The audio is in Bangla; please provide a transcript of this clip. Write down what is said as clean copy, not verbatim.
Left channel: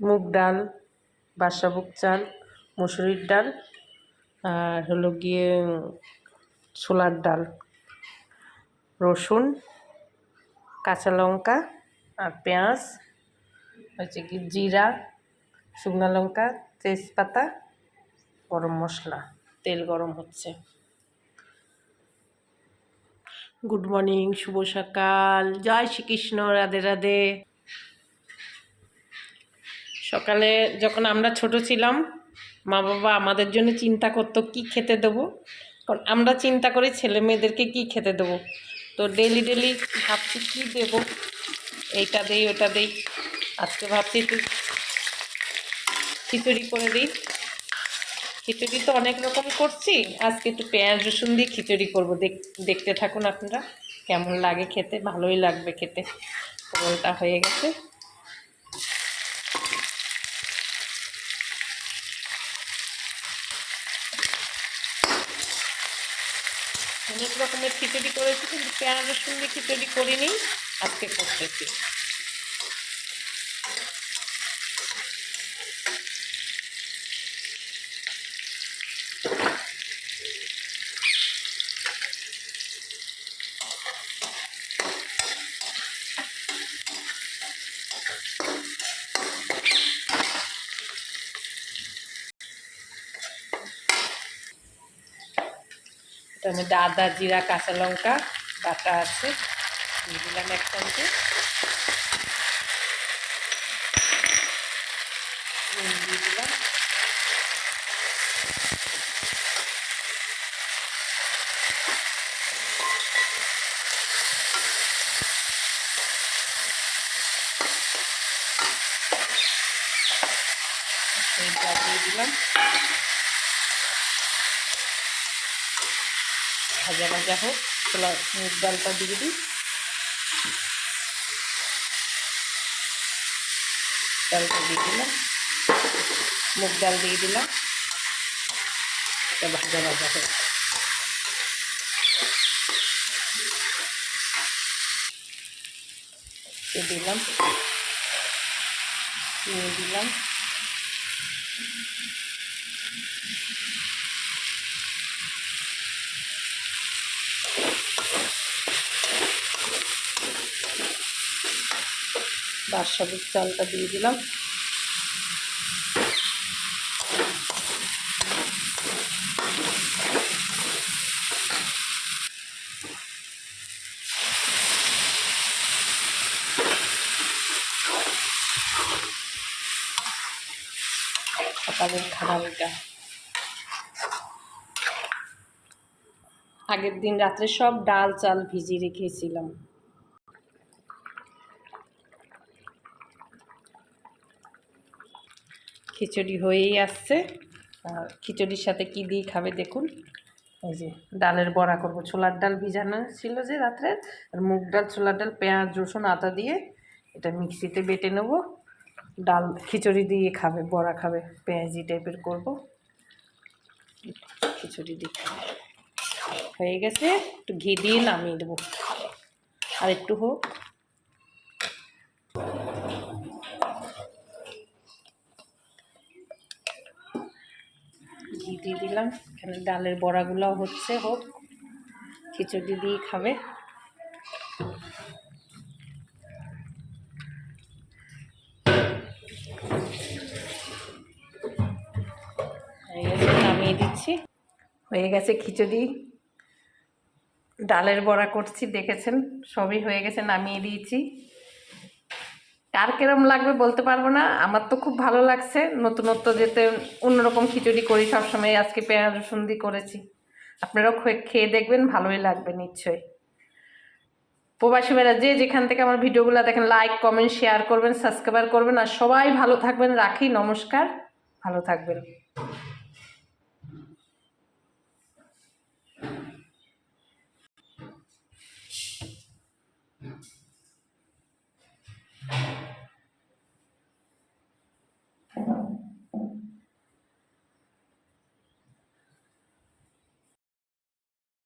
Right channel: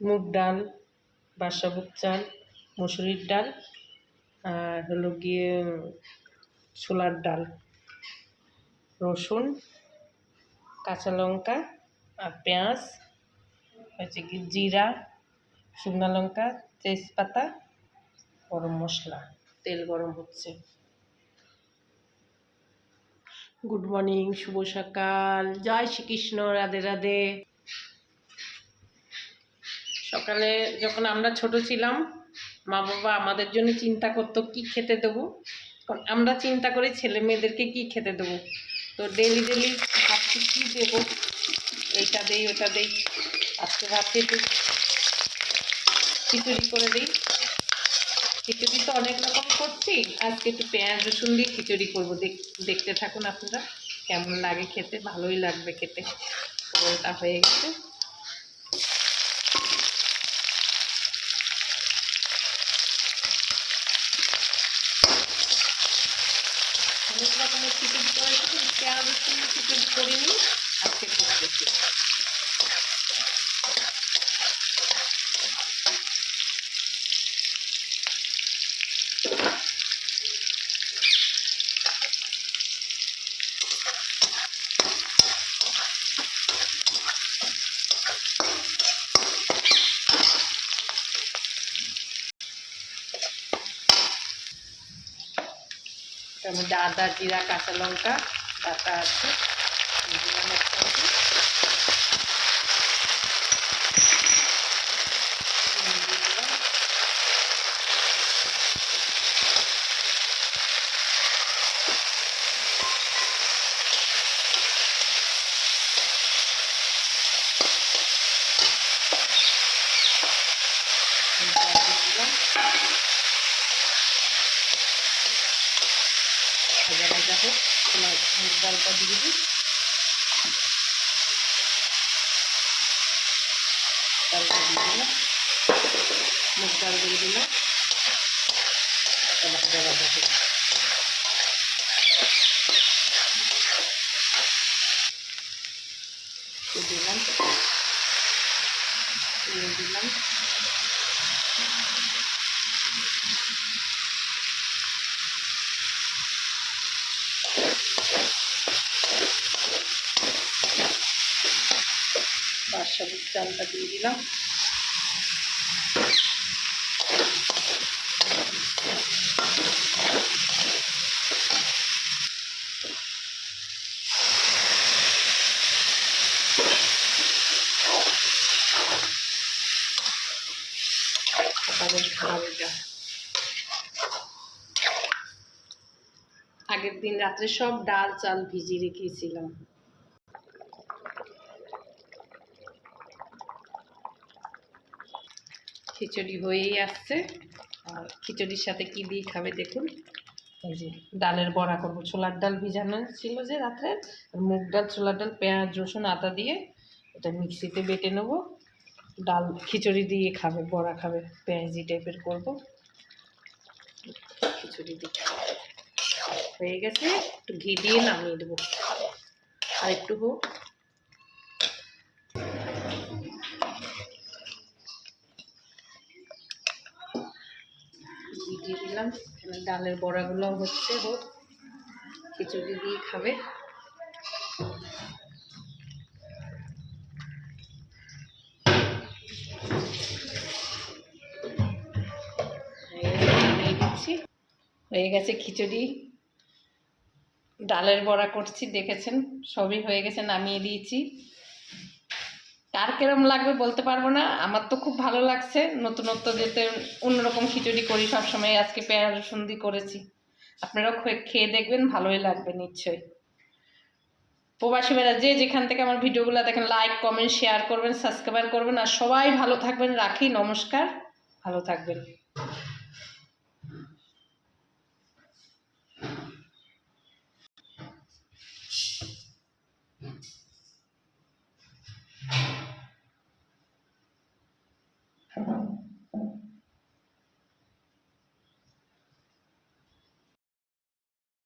মুগ ডাল, বাদশাভোগ চাল, মুসুরির ডাল আর হলো গিয়ে ছোলার ডাল, রসুন, কাঁচা লঙ্কা আর পেঁয়াজ, হচ্ছে কি জিরা, শুকনো লঙ্কা, তেজপাতা, গরম মশলা, তেল গরম হচ্ছে। গুড মর্নিং, শুভ সকাল, জয় শ্রীকৃষ্ণ, রাধে রাধে। সকালে যখন আমরা ছোট ছিলাম মা বাবা আমাদের জন্য চিন্তা করতো কি খেতে দেবো, কারণ আমরা চিন্তা করি ছেলে মেয়েদেরকে কি খেতে দেবো। তো ডেলি ডেলি ভাবছি কী দেবো, এইটা দেই ওটা দেই। আজকে ভাবছি একটু খিচুড়ি করে দিই। খিচুড়ি তো অনেক রকম করছি, আজকে একটু পেঁয়াজ রসুন দিয়ে খিচুড়ি করবো। দেখতে থাকুন আপনারা, কেমন লাগে খেতে, ভালোই লাগবে খেতে। ওটা হয়ে গেছে। অনেক রকমের খিচুড়ি করেছি, কিন্তু পেঁয়াজ রসুন দিয়ে খিচুড়ি করিনি, আজকে করতেছি। এটার মধ্যে আদা, জিরা, কাঁচা লঙ্কা বাটা আছে, দিয়ে দিলাম এক চামচ। দিয়ে দিলাম ভাজা ভাজা হোক, ছোলা মুগ ডালটা দিয়ে দিই। ডালটা দিয়ে দিলাম, মুগ ডাল দিয়ে দিলাম, ভাজা ভাজা হোক। দিলাম দিয়ে দিলাম বাদশাভোগ চালটা দিয়ে দিলাম। খাবারটা আগের দিন রাত্রে সব ডাল চাল ভিজিয়ে রেখেছিলাম। খিচুড়ি হয়েই আসছে। আর খিচুড়ির সাথে কি দিয়ে খাবে দেখুন। এই যে ডালের বড়া করবো, ছোলার ডাল ভিজানো ছিল যে রাত্রে, আর মুগ ডাল, ছোলার ডাল, পেঁয়াজ রসুন আদা দিয়ে এটা মিক্সিতে বেটে নেব। ডাল খিচুড়ি দিয়ে খাবে, বড়া খাবে, পেঁয়াজি টাইপের করব। খিচুড়ি দিয়ে হয়ে গেছে, একটু ঘি দিয়ে নামিয়ে দেবো। আর একটু হোক, ঘি দিয়ে দিলাম। এখানে ডালের বড়াগুলো হচ্ছে, হোক, খিচুড়ি দিয়ে খাবে। নামিয়ে দিচ্ছি। হয়ে গেছে খিচুড়ি, ডালের বড়া করছি, দেখেছেন সবই হয়ে গেছে, নামিয়ে দিয়েছি। কার কেরম লাগবে বলতে পারবো না, আমার তো খুব ভালো লাগছে। নতুনত্ব যেতে অন্যরকম খিচুড়ি করি সবসময়, আজকে পেঁয়াজ রসুন দিয়ে করেছি। আপনারাও খেয়ে দেখবেন, ভালোই লাগবে নিশ্চয়ই। প্রবাসী ভাইরা যে যেখান থেকে আমার ভিডিওগুলো দেখেন, লাইক কমেন্ট শেয়ার করবেন, সাবস্ক্রাইব করবেন। আর সবাই ভালো থাকবেন, রাখি, নমস্কার, ভালো থাকবেন।